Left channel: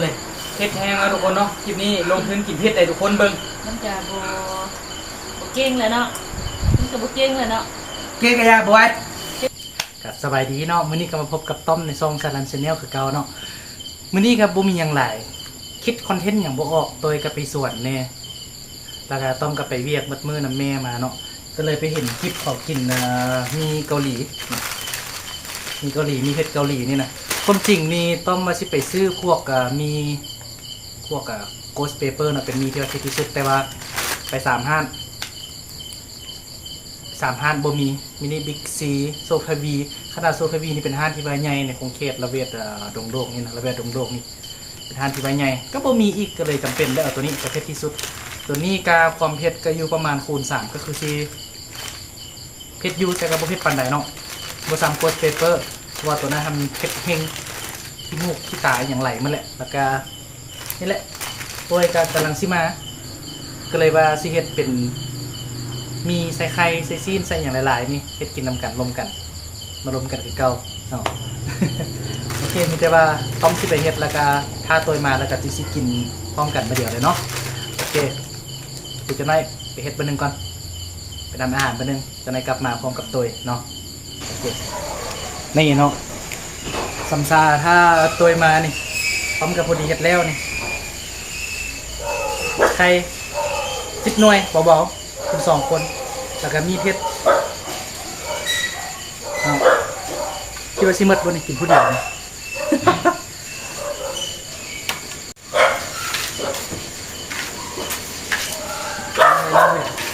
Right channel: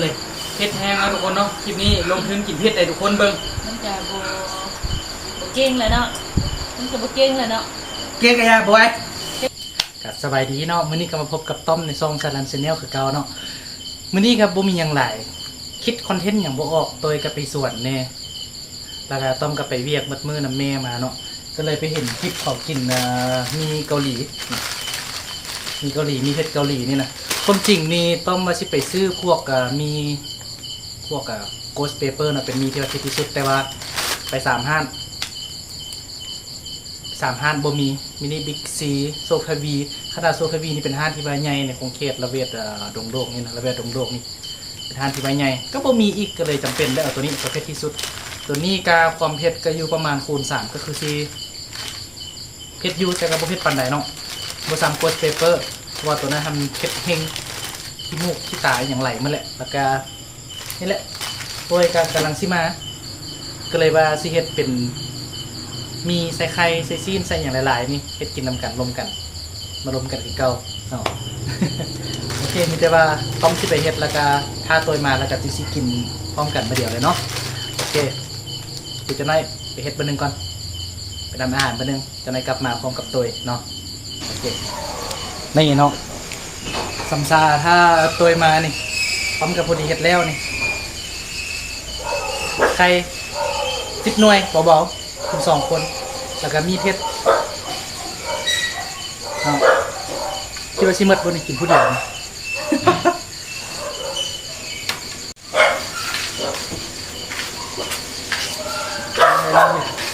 เลยเผ็ดแห้งแล้วทุกคนเนาะคลิปนี้ลงทุนกินเผ็ดได้ทุกคนเบิ่งมันจะโบโบเก่งเลยเนาะมันจะโบเก่งเลยเนาะเจ๊กะยาบอยกับสบายดีเนาะมื้อนี้ก็มาพบกับต้อมในซองซาลันชาแนลคือเก่าเนาะมื้อนี้ครับบ่มีหยังหลายคิดคอนเทนต์หยังบ่ออกโดยก็ไปสวนแน่แล้วก็ต้อมก็ไปเวียกมัดมือนํแม่มาเนาะก็เลยไปเห็นคลิปเขากินเอ่อมีเกาหลีมีเกาหลีมีเผ็ดเกาหลีนี่นะ ความจริงนี่ต้องมาสิไปซื้อพวกมีพวกโกสเปเปอร์นะเป็นมีที่ว่าที่สุดแต่ว่าไปสามห้านสามห้านบ่มีมินิบิ๊กซีโซคาวีขนาดโซคาวีนี่เป็นห้านที่ว่าใหญ่ในคงเขตระเวทดงโลกนี่นะระเวทดงโลกนี่เป็นห้านที่ว่าใหญ่ก็บ่มีอีกก็เลยจำเป็นได้เอาตัวนี้ตัวเผ็ดที่สุด ตัวนี้กาความเผ็ดก็อยู่ประมาณคูณสามก็คือซีเผ็ดยู่แต่ก็บ่เผ็ดปานใดเนาะบซัมโกสเปเปอร์ ว่าตัวนั้นทำเพ็ดเฮงขี้มูกขี้ตาอย่างไหลมันแหละแล้วก็นี่แหละโดยการกำลังซิมา ก็เลยว่าสิเฮ็ดเป็น มีใส่ไข่ใส่ซีนใส่อย่างหลายๆนี่เฮ็ดกินนำกันรวมกัน มารวมกันคือเก่าเนาะโอเคมีแต่ว่าต้องที่ไปเฮ็ดแล้วก็ถ้าตัวมาแล้วก็สิสิกินพร้อมกันมาเดียวเลยเนาะโอเคเดี๋ยวจะได้ไปเฮ็ดบอร์หนึ่งก่อนไปทำอาหารบอร์หนึ่งจะได้กลับมาพร้อมกับตัวเนาะโอเค นี่เนาะสัมซาถ้าตัวมานี่พร้อมกับพอดีเฮ็ดแล้วนี่ใครสิบหน่วยเบาๆคุณสองคน แล้วก็มีเพชรเอาคิดว่าชิมดบนนี่กินผู้เดียวนี่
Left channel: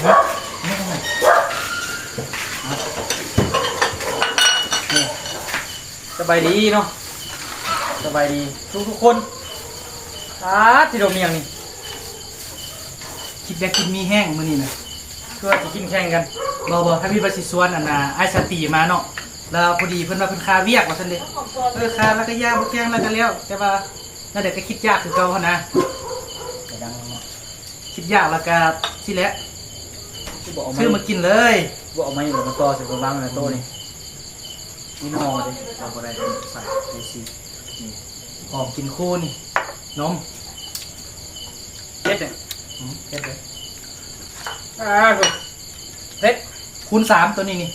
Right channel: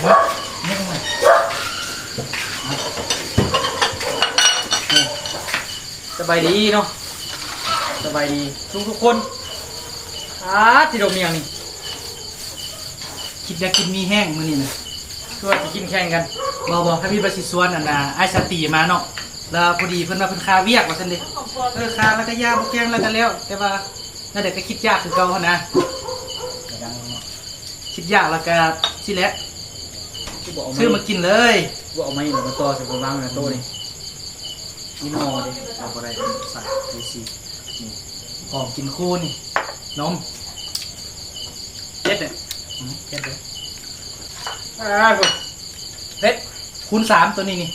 ฮะไม่ทำไม ส บายดีเนาะสบายดีทุกทุกคนอาที่เราเมียงนี่คิดอยากกินมีแห้งมื้อนี้นะคือว่าจะกินแข่งกันบอบอถ้ามีประสิทธิ์ส่วนอันน่ะไอ้สตีมาเนาะแล้วพอดีเพิ่นมาเพิ่นคาเวียกว่าซั่นเด้เออคาแล้วก็ย่างบ่แกงแล้วก็แล้ว แต่ว่านั่นเด็กก็คิดยากคือเก่าหั่นนะก็ดังเนาะคิดยากแล้วก็สิแหละบอกเอาไม้ซื้อมากินเลยบอกเอาไม้แล้วมาต่อใส่กระบังในโต๊ะนี่ นี่นอเด้เอาอะไรใส่ดีซีนี่หอมกินคู่นี่นมเจ็ดเนี่ยอืมเผ็ดเลยอ่าถูกเผ็ดคูณสามตัวนี้นี่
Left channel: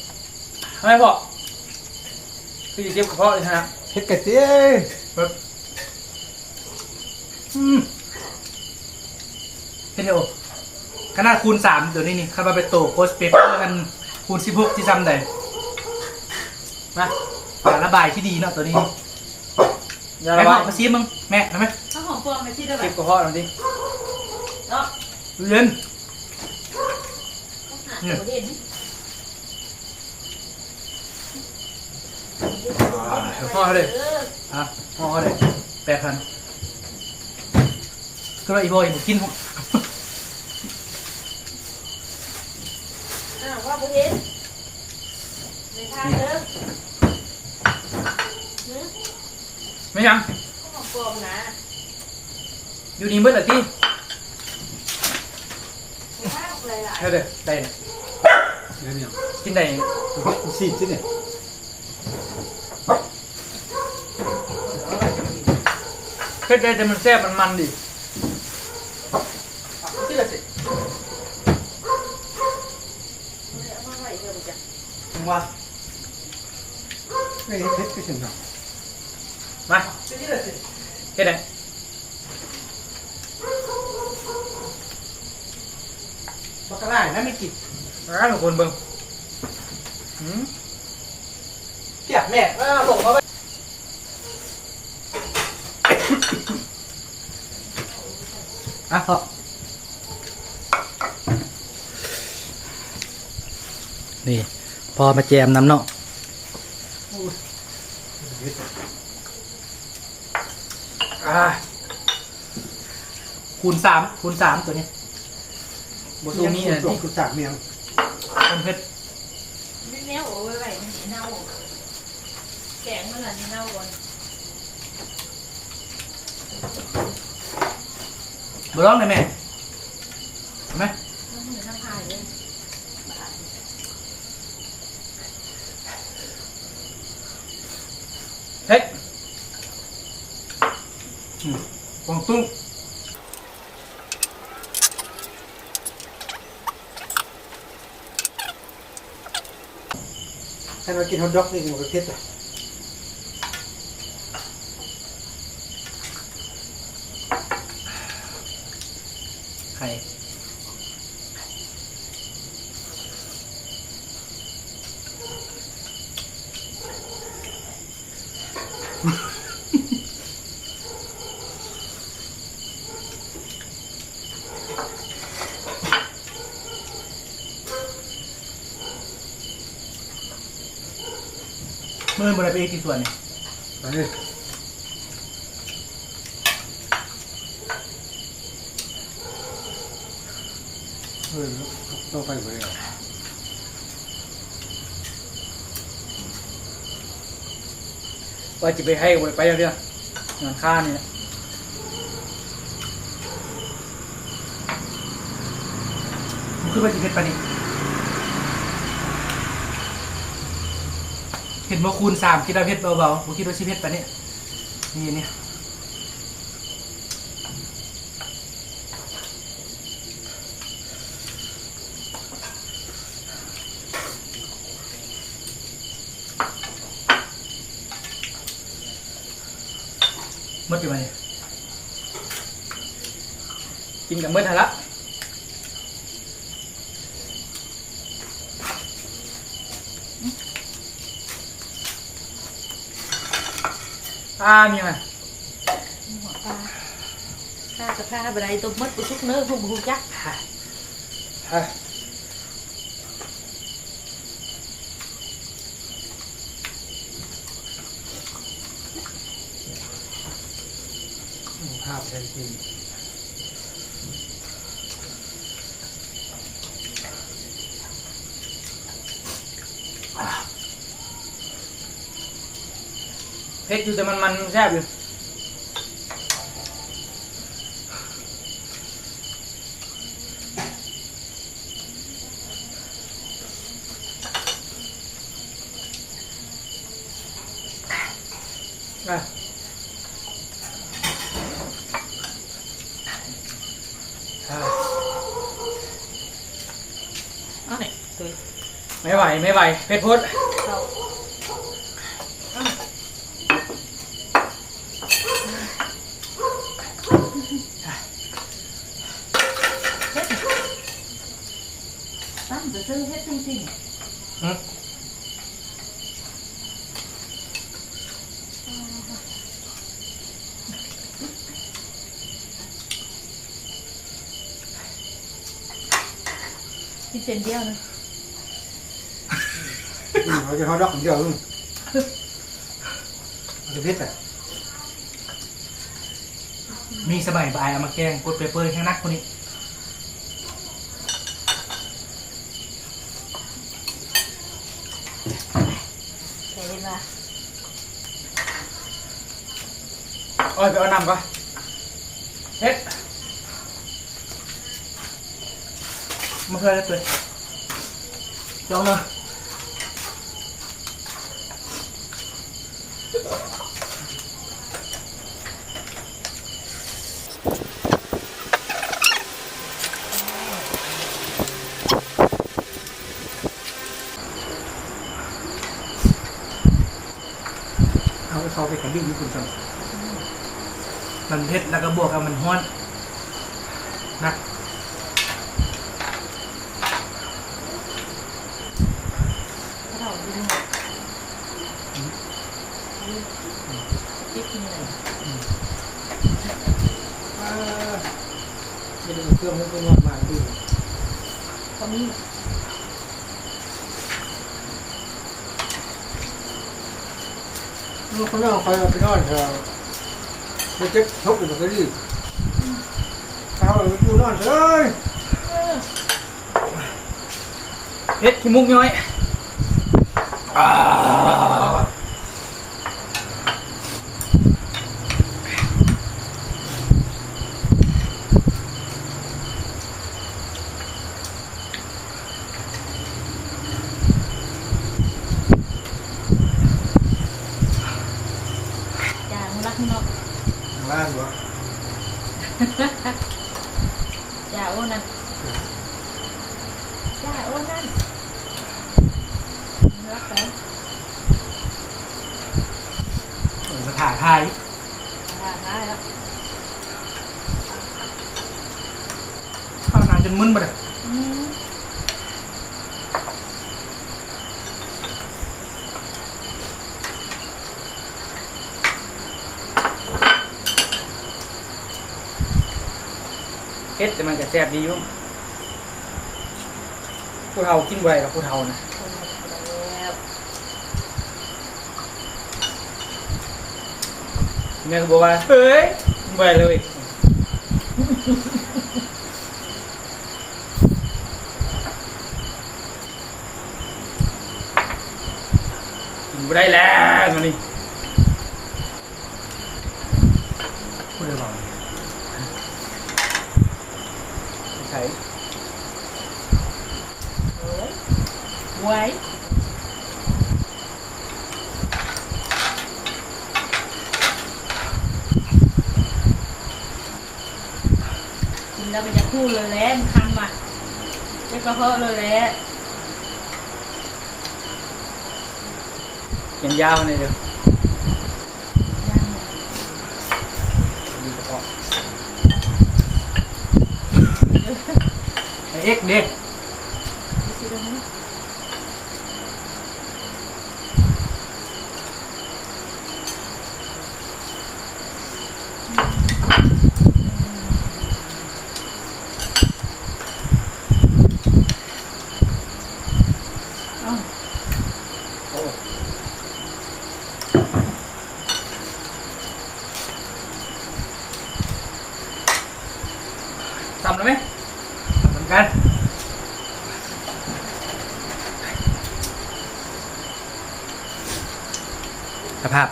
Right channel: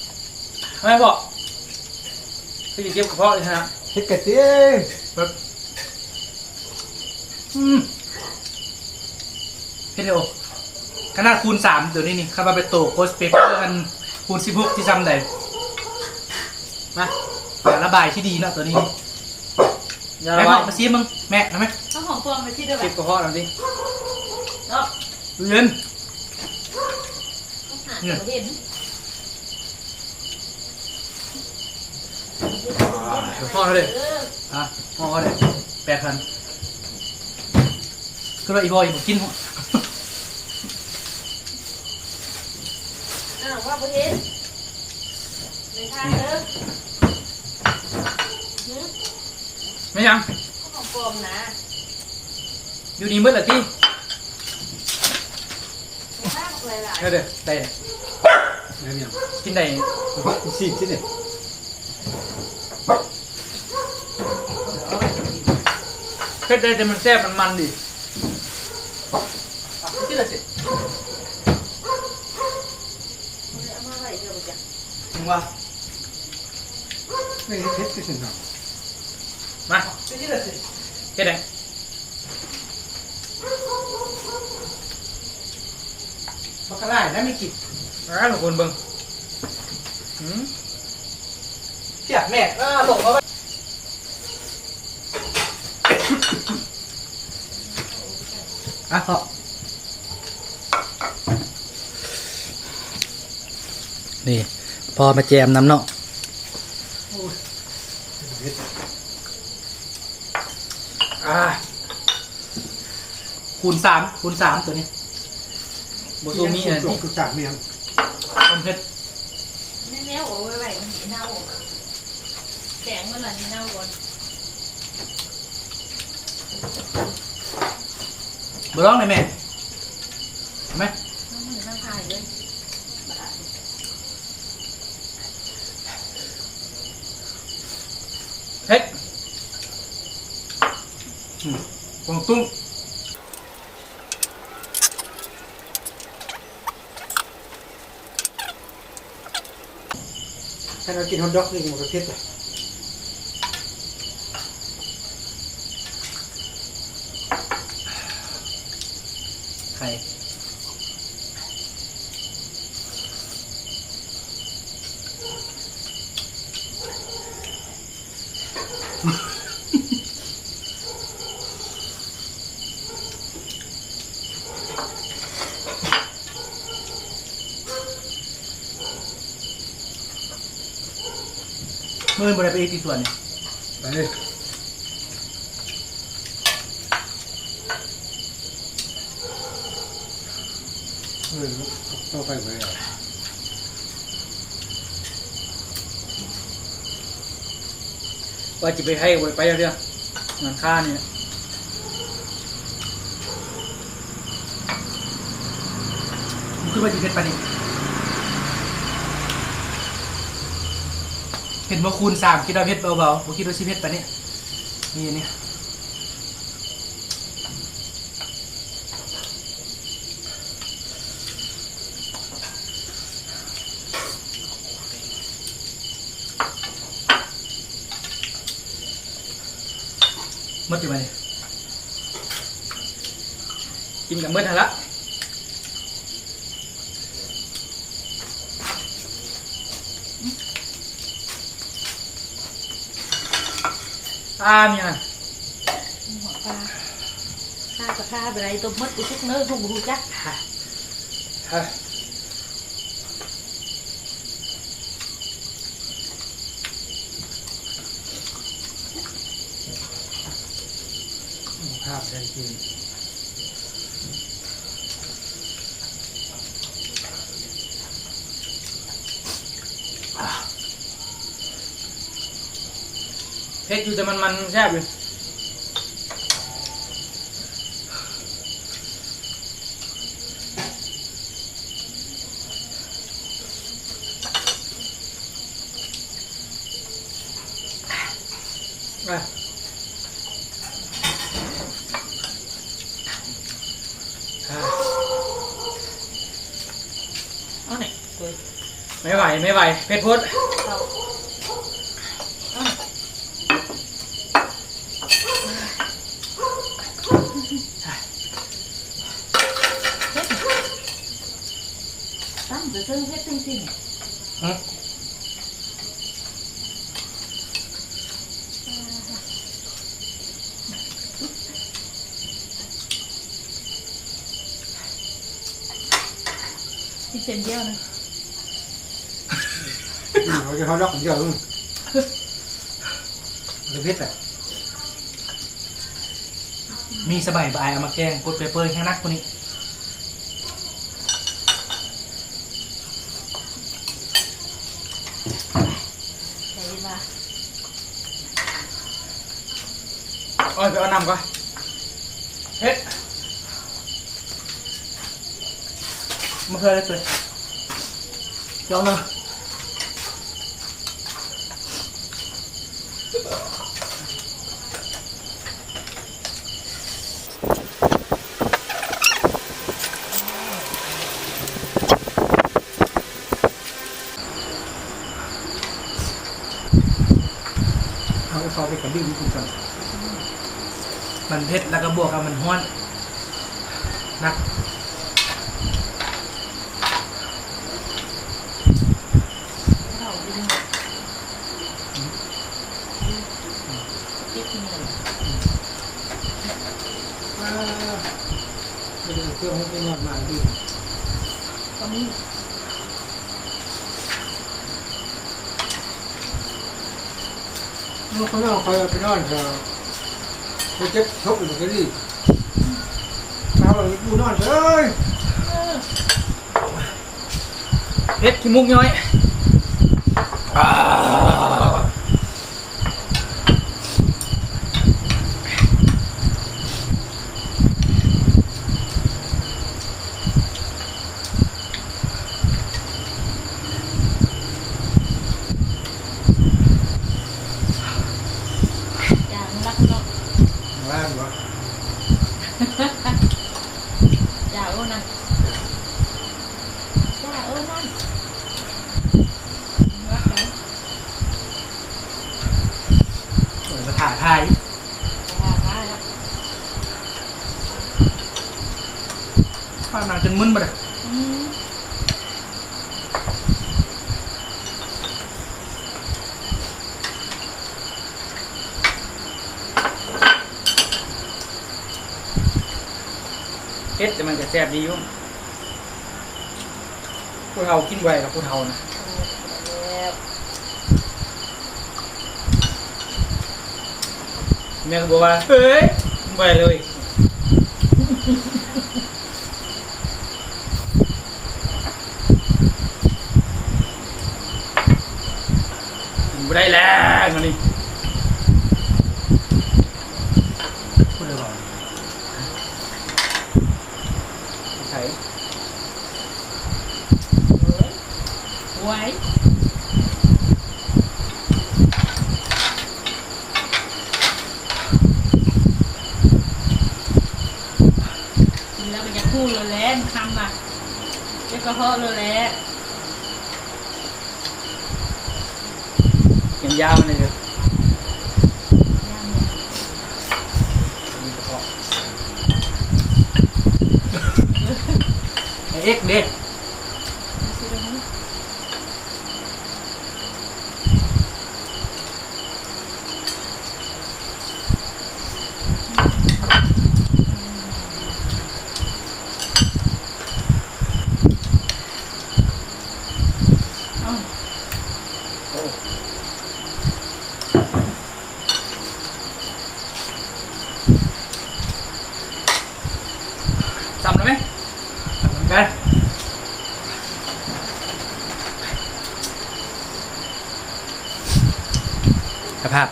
ทำไมบอกคือจะเก็บกระเพาะเลยนะเฮ็ดกะเสียแบบอืมเผ็ดเร็วขนาดคูณสามตัวนี้นี่ข้ามาไปโตโพสเปเปอร์กันคูณสิบหกที่ซ้ำใด มาการระบายที่ดีเนาะตัวนี้อย่าแม่ระบบาอยกมาซีมึงแม่ทำไหมถ้าหอมปลอมไปที่เดียวแบเก็บบกระเพาะหน่อยดิเนาะเย็นต้องหาตัวเห็นกระเพาะเขาเลยเอออะห่อเขาเลยแปดพันก็เลยอีบอยบอกกินหัวอ้าวว่าโบเห็นในทางเด้อหือ ไม่ยังข้าวหอมปลอมนะอยู่นี่เมื่อไหร่ที่ในทางหลายเด้อได้เดี๋ยวเนี่ยกินได้สิที่เนี่ยเผ็ดได้แต่มันแซ่บมันมันดิที่ละสิๆเอามาไว้เดี๋ยวบ่จ้ะถึงว่าไม่เฮ็ดเฮ็ดที่สิเนาะมาที่ละสิ เฮ็ดได้บักกะไล่แล้วไม่กินอ่าทุกคนเบิ่งหืมเปียกแม่อ่าหลงเอาไปอะพอนี่ พอมาแจมน้ำเนาะ เฮ็ด อ่า คูณสามคูณสามตัวนี้บซูมีอะไรส่งที่กุจากเมียงมันเพชรแม่แนวโอ้ยไว้มันเน่าแสงมันล่ะเน่าก่อนบร้องเลยแม่เห็นไหม น้องมันอยู่ทางทายเลย เฮ็ด อืม พ กวางตุ้ง ให้เรา กินฮอทดอกนี่มันก็เค็ดอะไข่เมื่อบริไปอีกที่ส่วนนี่ไปเลยเออต้องไปไปอะว่าจะไปให้บ่ไปเรื่องงานค่านี่แหละมันคือว่าจะเพชรปะนี่ เห็นว่าคูณสามคิดว่าเพชรเบาๆผมคิดว่าชิเพชรปะเนี่ยนี่นี่มดอยู่ไหมกินกับมื่อทันละ อ่ามีอะไรหัวปลาข้ากับข้าไปไหนตัวมัดกูชุกเนื้อพวกกูจักเฮ้ยภาพได้จริง เผ็ดอยู่แต่มันมันแซ่บอยู่อะอะเอาไหนเลยไม่ไหว ไม่ไหวเผ็ดพุดเราตั้งแต่ซื้อเพชรจริง ฮะ ๆที่ เซนเดียวนะเราจะฮอทดอกองเดียวอืมมันก็เค็ดอะมีสบายบายเอามาแกงกดเปเปอร์ข้างนักคนนี้ใช้เวลาโอ้ยไปเอาน้ำก่อนเผ็ดมาเพื่อได้ตัว ลองเนาะเอาซอสไปกับดิ้นญี่ปุ่นก่อนมันเผ็ดแล้วก็บวกกับมันห้อนนัก เราดึงคิดที่นี่ อ่าไม่ได้ เครื่องให้เป็นงานมาดีตอนนี้ลูกเขาเอาคอยเอาไปนอนเถอะไปเจ็บทบอยู่มันก็ดีเอาไปดูนอนเถอะเอ้ยเผ็ดขี้มุกย้อยอย่างรักนก ข้างล่างวะ อย่าโอ้นั่นอย่าโอ้นั่นรักแล้วเออมาถ่ายไทยอย่าได้แล้วข้าวนานจนมึนมาเลย อืม เฮ็ด แซ่บดีอยู่ผู้เฒ่ากินไวกับผู้เฒ่านะแม่ก็บอกว่าเฮ้ยไวเลยกินบ่ได้แล้วมันนี่ พูดเลยบอก ใช่ เอ้ยไว้กิน แล้วก็จะคู่เลยแล้วคำอะจะกระเพาะเลยแล้วยังยาวเลยเด้อมีกระเพาะไอ้เอ็กเด็ก เอ้า โอ้ ซ้ำแล้วไหม เหมือนกันสภาพ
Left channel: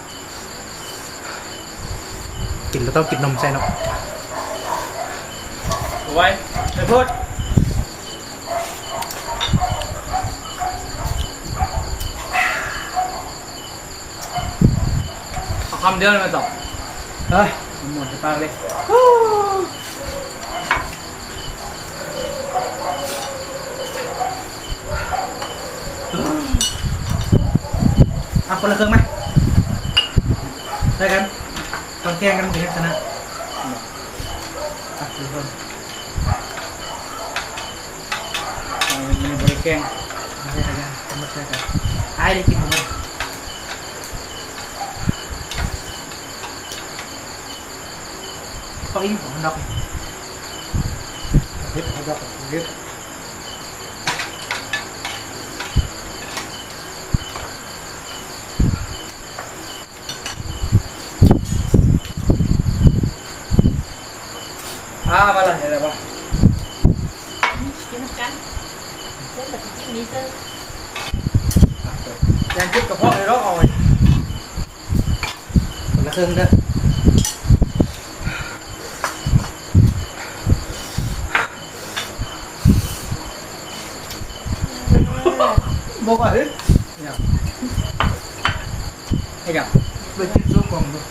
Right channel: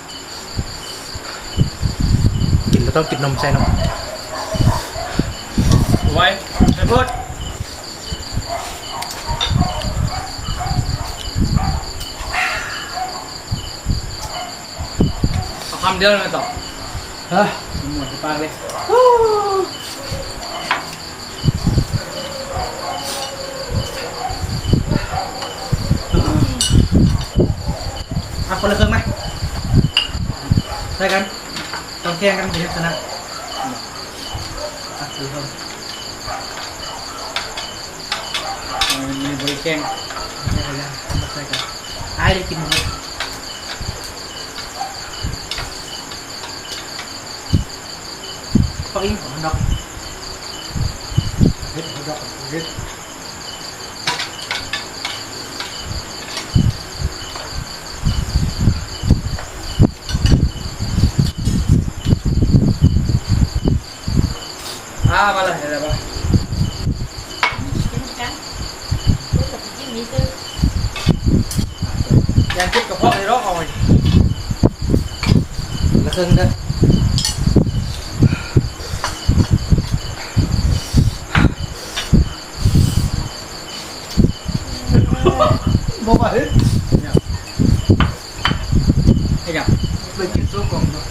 กินแล้ว ต้องกินนมใช่นมไว้ไปพูดเอาคำเดียวเลยมาตอบเฮ้ยหมดจะปากเลยเอาคนละครึ่งไหมใช่กัน ต้องแกล้งกันกินให้ชนะอะดูคนมีบริแกงใช่กันยังมาใช่กันไอ้ได้กินมั้ยต้องอิงของมันดอกเฮ็ดของดอกเฮ็ด อ่ามาเลยเดี๋ยวมาเป็นกันเพื่อนก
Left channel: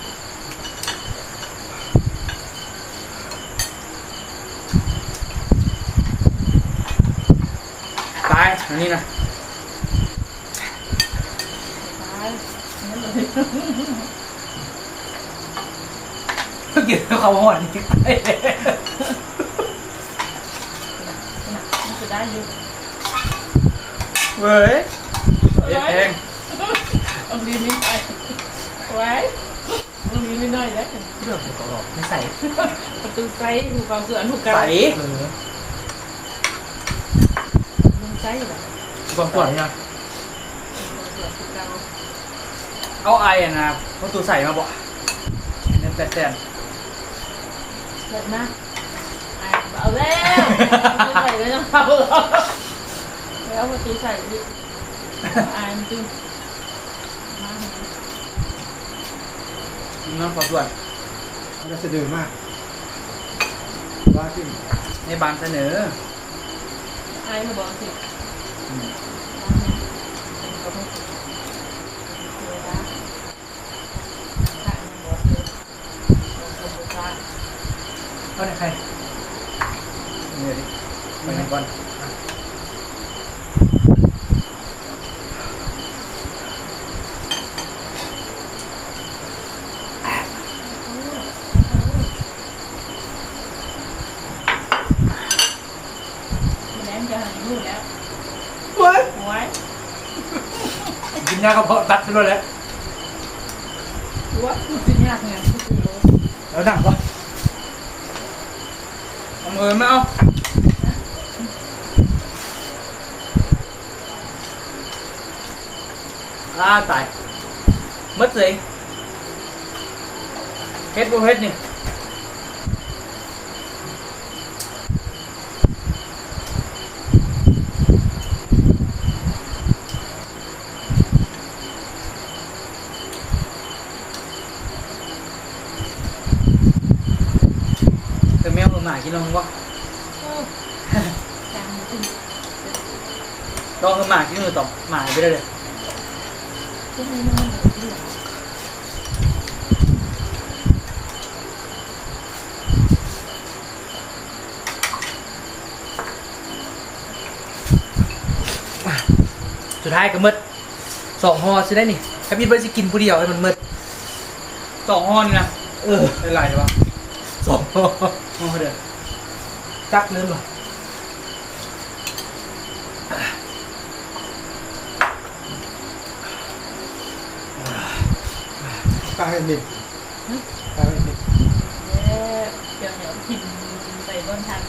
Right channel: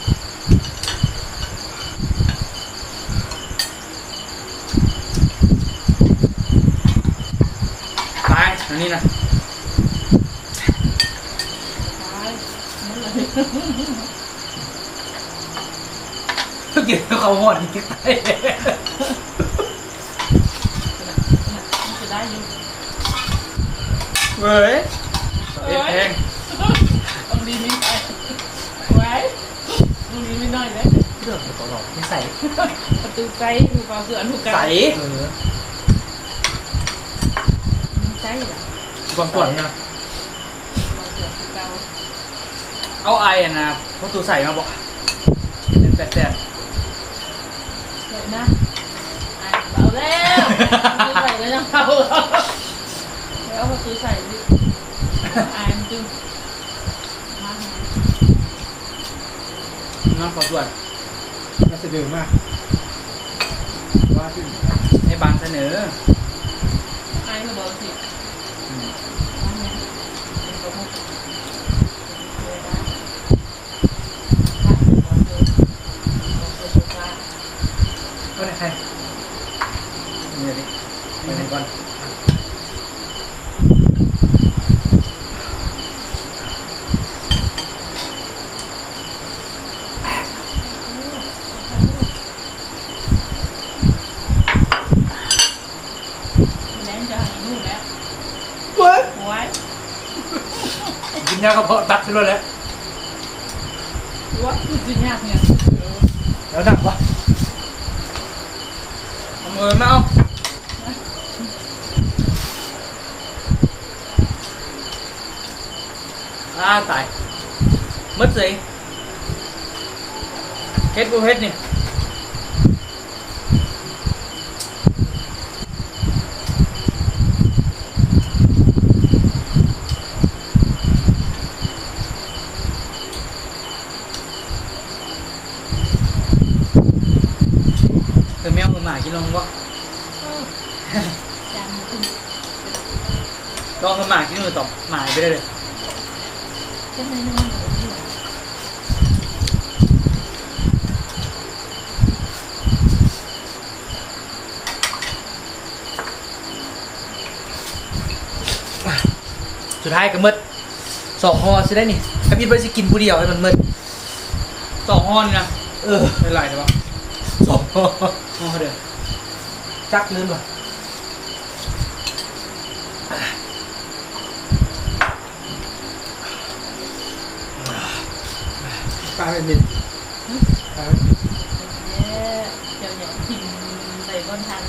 ั เลยกินแล้วเขาห่อนจริงมันจะได้อยู่เว้ยเด็ดแพงเอาลีนิดไปไว้เอาลีนิดหน่อยเลยเรื่องเกี่ยวกับหลอดไม่ใส่ประตูไกลดูความเสื่อมถูกไกลใส่ เออมันไกลเหรอความปวดเนี่ยความเสื่อมถูกไกลเอาไอ้อะนะเพราะตูใส่มาบอกเป็นแปดแสนเกิดนะอะเอาแล้วประตูใส่ก็ยังเอาเหรอแล้วประตูใส่ดิอายมันตึงมาน้องขอส่วนน่าจะดื้อมาก ว่าที่ให้บางเสนออายมันบอกสิ อืมเอาไหนใครนี่ดิไปหนึ่งก่อน เว้ยไว้กินยากระเพาะตัดไปเลยแหล้วไว้คือจริงยากเนี่ยแล้วหนักปะเอามือมาเอาอ่าตายมัดสิเฮ็ดบ่เฮ็ดนี่เธอแมวมือ หมากินลงวะจางขึ้นลองมือหมากินมือต่อหมาไปได้เลยก็ไม่นอนเลยที่สุดท้ายก็หมืดสองห่อสิได้นี่ถ้าพี่เบิร์ดสิกินผู้เดียวให้มันหมืดสองห้อนี่นะ เออเป็นไรใช่ปะ สองห่อห้อเดิมจักลืมว่ะตายหนึ่งตายหนึ่งเอ๊ะเดี๋ยวเนี่ยพิมใส่บนทาง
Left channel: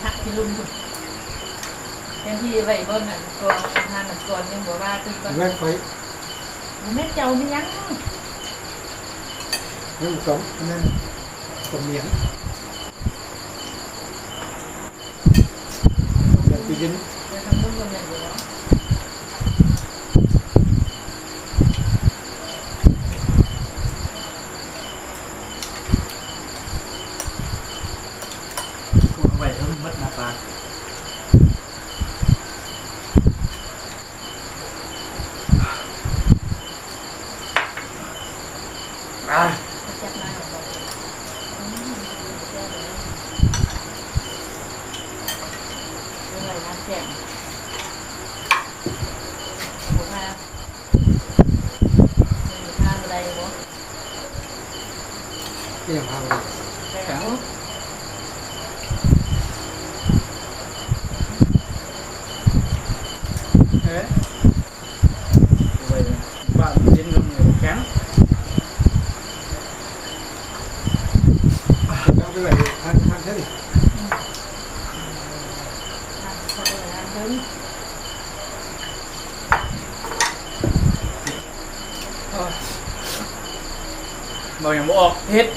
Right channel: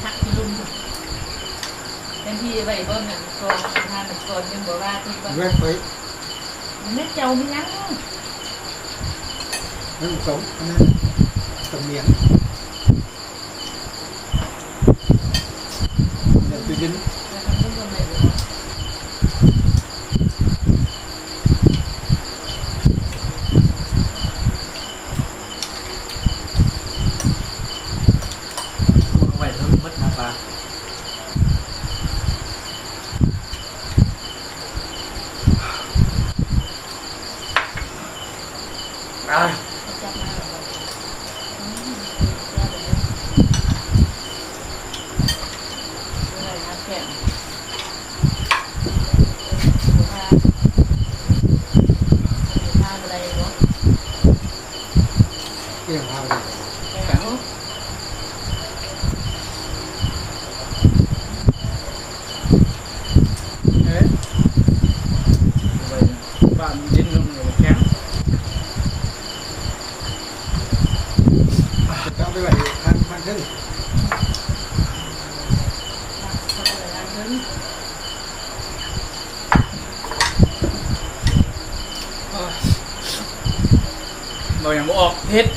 หักที่ลุ่มเป็นที่ใส่บนน่ะก่อนทานก่อนเป็นบอกว่าตุ้มก่อน แม่ไฟ แม่เจ้านี่นะ นั่นสองอันนั้นสมเนียงเดี๋ยวไปยิน เดี๋ยวทำรุ่นกันเลย ไหวแล้วมันหมืดมาปลาอะ จับมาแบบอะไรมาแข่งหัวหน้าหัวหน้าอะไรเนาะ เกี่ยงพาไป แข็งเอ๊ะไปบ้านดินลงเหนียวแข็ง แล้วไปไหวทันทันเท่านี้ โอ้ยบอกอย่างบ่ออกเฮ็ด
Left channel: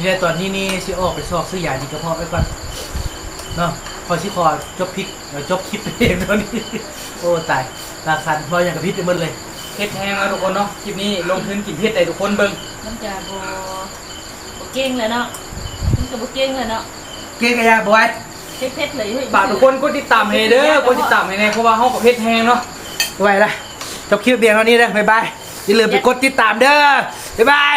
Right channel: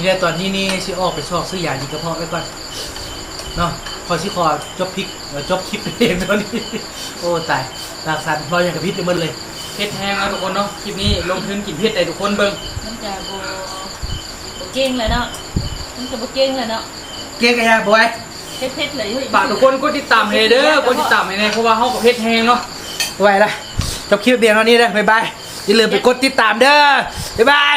เนี่ยตอนนี้นี่สิออกไปชอบซื้อยาดีกระเพาะไว้ก่อนเนาะพอชิคอจบพริกเอ่อจบคลิปเองตอนนี้โอ้ตายราคาพออย่างกับพิษไปหมดเลยเฮ็ดแห้งแล้วทุกคนเนาะคลิปนี้ลงทุนกินเผ็ดได้ทุกคนเบิ่งมันจะโบโบเก่งเลยเนาะมันจะโบเก่งเลยเนาะเก่งกันยาบอยเผ็ดเผ็ดเลยฝากทุกคนกดติดตามให้เด้อกดติดตามให้แน่เพราะว่าเฮากับเผ็ดแห้งเนาะไว้ละจบคลิปเพียงเท่านี้นะบ๊ายบายอย่าลืมไปกดติดตามเด้อบ๊ายบาย